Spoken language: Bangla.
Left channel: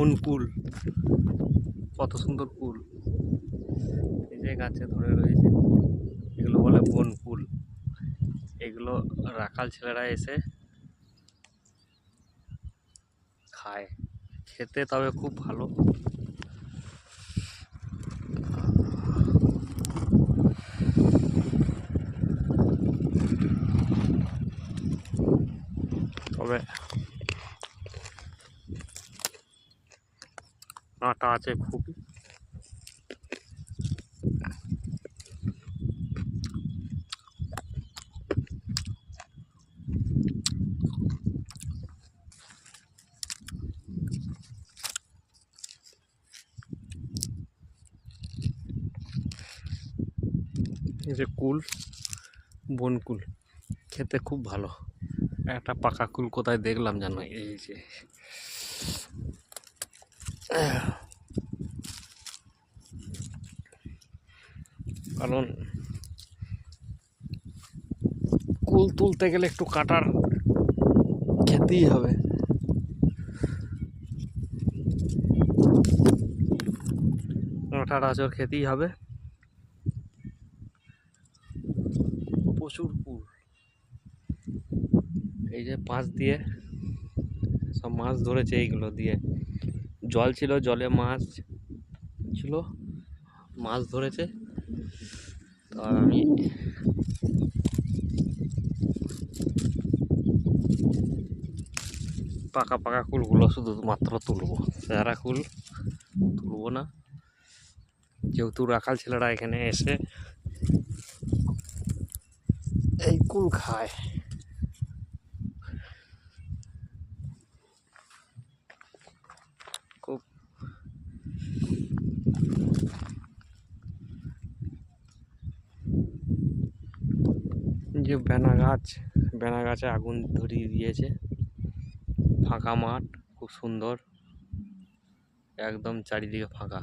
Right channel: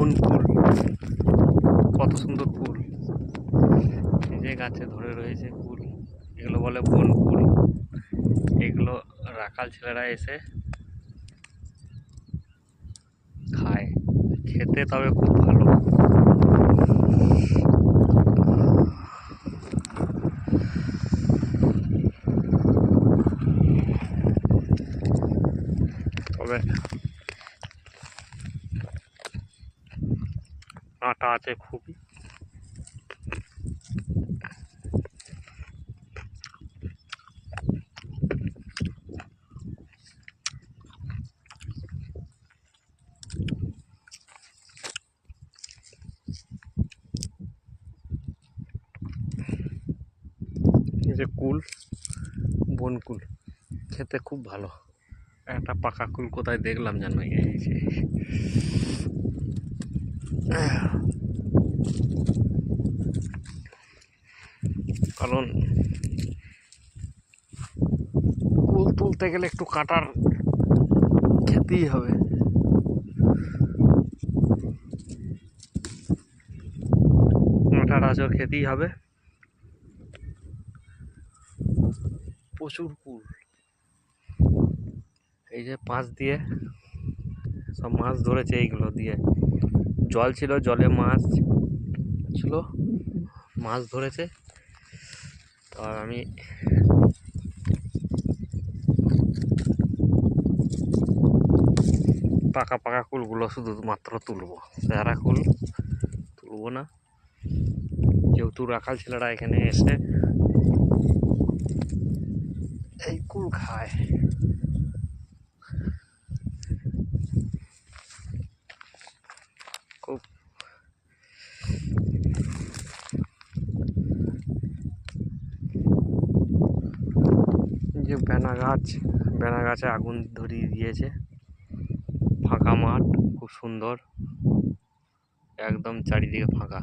বনকুল কত সুন্দর কুল। এই যে গাছে ধরে রয়েছে কুল। এগুলো বলে বন বনকুল এগুলো রাখাল ছেলেরা এসে খায়। খেতে তবে খুব ভালো। তবে আটা আছে খুবই। যে কুল বনকুল খেতে খুব ভালো। একটা পাকা কুল কোথায় দেখলাম জানো এই যে। কারণ কুল তুলতে গেলে একটু কাটার খেতেই হবে। কাঁটার আচর খেতেই হবে। প্রচুর কুল। এই যে পাঁচ দিয়ে, সব মাছ ধরেছে এইগুলো দিয়ে। জল ছিল, জলে মাছ ছিল, মাছ ধরেছে। তো আমি পাকা পাকা কুলগুলো শুধু মাত্র তুলবো। সারা কুল তুলবো না। যেহেতু রাখাল ছেলেরা এখানে এসে এই কুল খায়। যে বেনা গাছ, বেনা গাছে আগুন ধরিয়ে দিয়েছে। ফাঁকা মাঠ, খুব সুন্দর। একদম চারিদিকে ফাঁকা।